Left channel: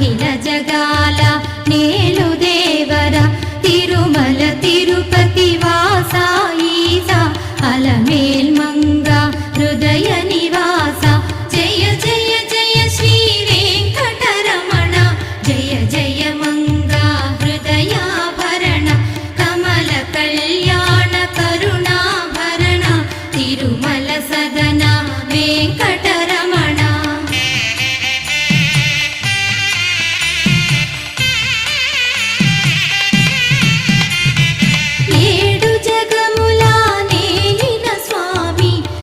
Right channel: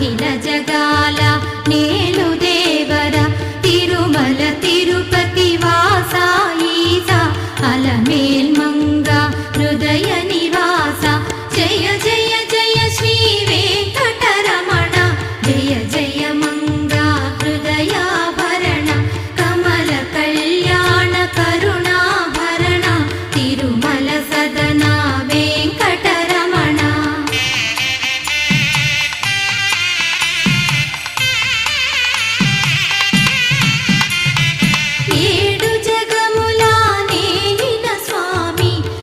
అఖిల జగాల నేలు దేవర తిరుమల తిరుపతి వాస ఈసా అలమేల్ మంగ హృదయ నివాస జయ జయ జయ శ్రీ వెంకటరమణ జయ జయ మంగ హృదయాభరణ కమల కళ్యాణ కరుణాభరణ తిరుమల సదన వెంకట